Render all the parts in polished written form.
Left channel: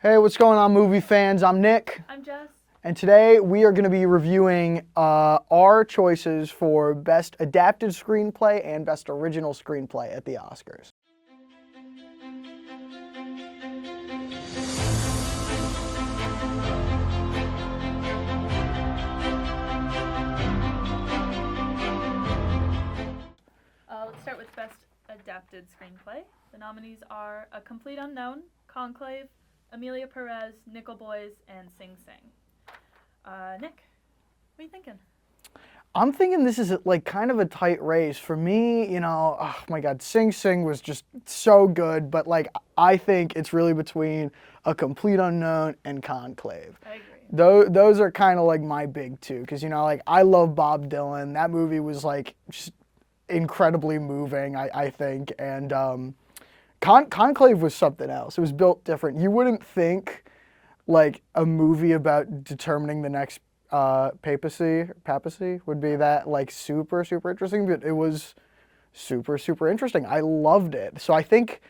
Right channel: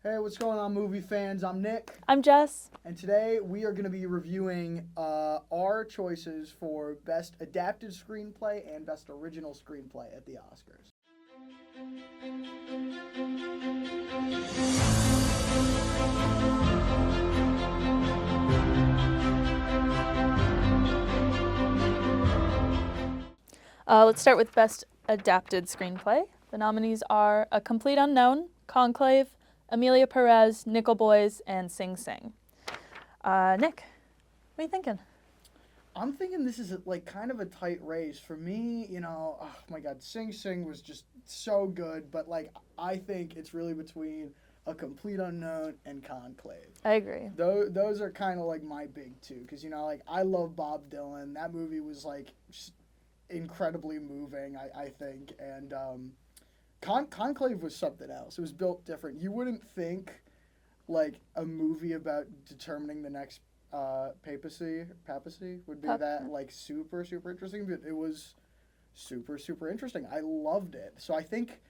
Hey, what's going on, movie fans? I'm Nick. I'm Jess. And today we are going to be reviewing our choices for Best Adapted Screenplay and Best Original Screenplay at the Oscars. Let's start with Best Adapted Screenplay. The nominees are A Complete Unknown, Conclave, Amelia Perez, Nickel Boys, and Sing Sing. Nick, what are you thinking? I'm thinking this is like kind of a tight race. For me, oh my God, Sing Sing was just so good, but like I think it's really between A Complete Unknown and Conclave. I agree. Those are kind of like my big two, because like I love Bob Dylan. That movie was like just incredibly moving, I think, and Conclave was something else. It was built different. You wouldn't think like a movie about determining the next papacy would be that like super interesting, but it was super interesting. I loved it. So I think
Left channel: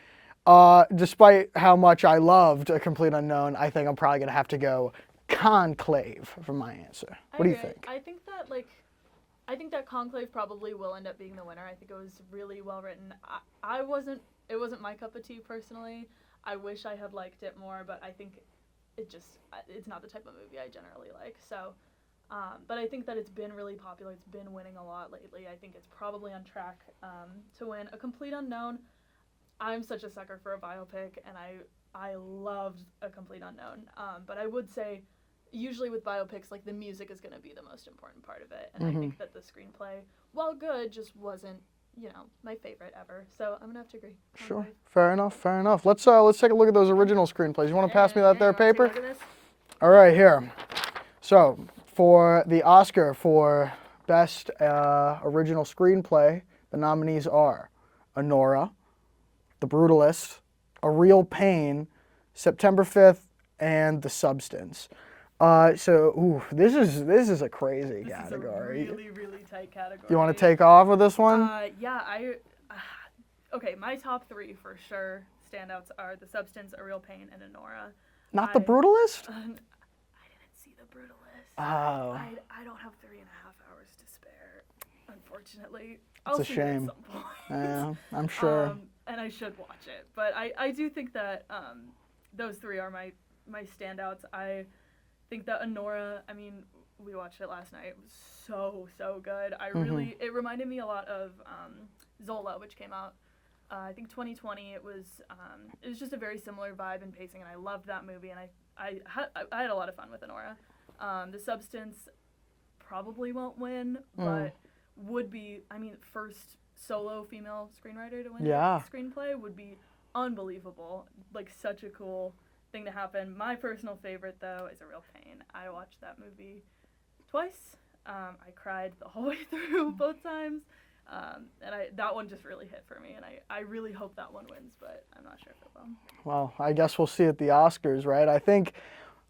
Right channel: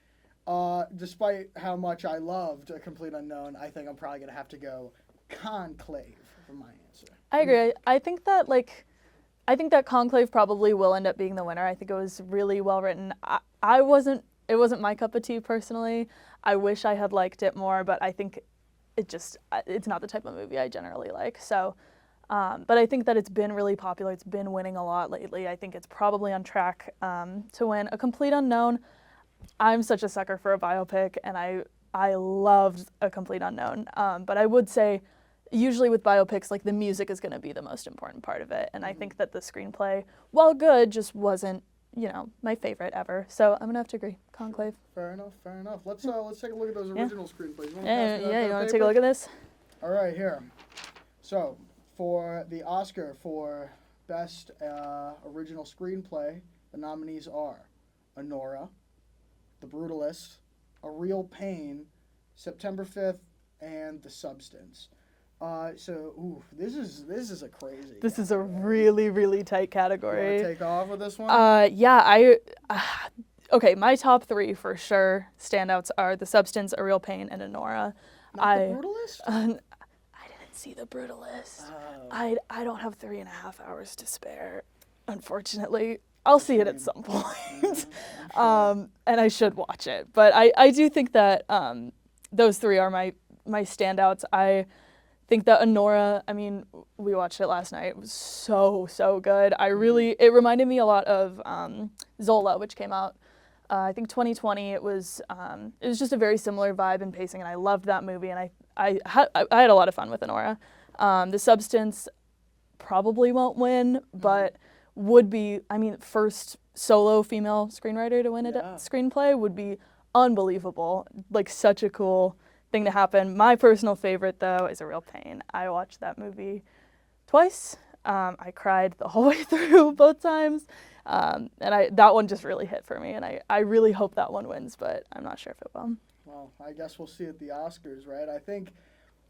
despite how much I loved A Complete Unknown, I think I'm probably gonna have to go Conclave for my answer. I agree. I think that Conclave probably will end up being the winner. I think it was really well written. It wasn't my cup of tea personally. I wish I had liked it more, but I think it's not the type of movie I generally like. So, but I think that it's been really popular. It's been winning a lot lately. I think it's probably on track to win. A Complete Unknown. I'm such a sucker for a biopic, and I loved A Complete Unknown. But I would say, usually with biopics, like the music is going to be the most important part of it, and I think that the screenplay, while good, just wasn't my favorite ever. So I'm gonna have to agree. Conclave. Sure. Fair enough. Let's take a look at those original screenplays. You want to pass me that there paper? Take a look at this. All right, here. So for the Oscar for Best Original Screenplay, the nominees are Anora, The Brutalist, A Real Pain, September 5th, and The Substance. This is a crazy This category. is a really tight category. You want to take off with this one? Yeah, okay, my top three for sure standouts are The Substance, A Real Pain, and Anora. Not The Brutalist? I didn't see The Brutalist. Oh. I don't have 3.5 hours to spare, unfortunately. I'll see it at some point. Yeah, I'm sure. And I should watch it. But I do think that those three are my standouts. I think that Anora, I mean, we watched it last night. It was so good. It reminded me a lot of Zola, which came out, I think 2020. It was just a very similar vibe and pacing, and I loved that movie, and I had a lot of fun with Anora. The Substance probably won't win, but would be, I mean, first solo female screenwriter to win a screenplay would be unbelievable. Like, such a cool thing to happen. My personal favorite, though, is A Real Pain. I watched that movie twice. I cried the whole way through both times. And that one just really hit for me, and I really hope that one wins, but I'm not sure if it will. Well, I guess we'll see at the Oscars, right? I think,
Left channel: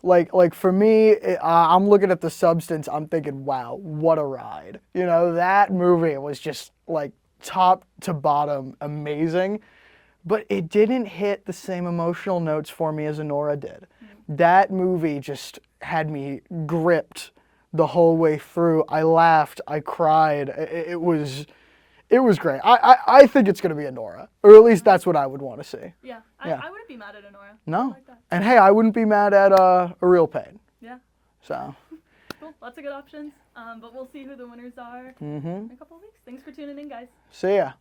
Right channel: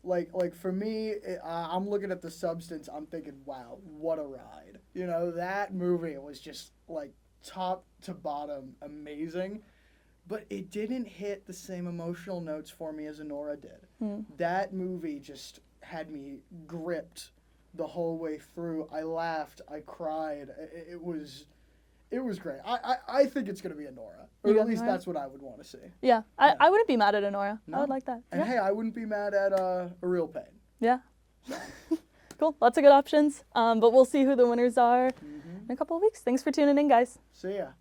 like for me, I'm looking at The Substance, I'm thinking, wow, what a ride. That movie was just like top to bottom amazing. But it didn't hit the same emotional notes for me as Anora did. That movie just had me gripped the whole way through. I laughed, I cried. It was great. I think it's going to be Anora, or at least that's what I would want to see. Yeah, I wouldn't be mad at Anora. No? I like that. And hey, I wouldn't be mad at A Real Pain. Yeah. So. Cool, lots of good options. But we'll see who the winners are in a couple of weeks. Thanks for tuning in, guys. See ya.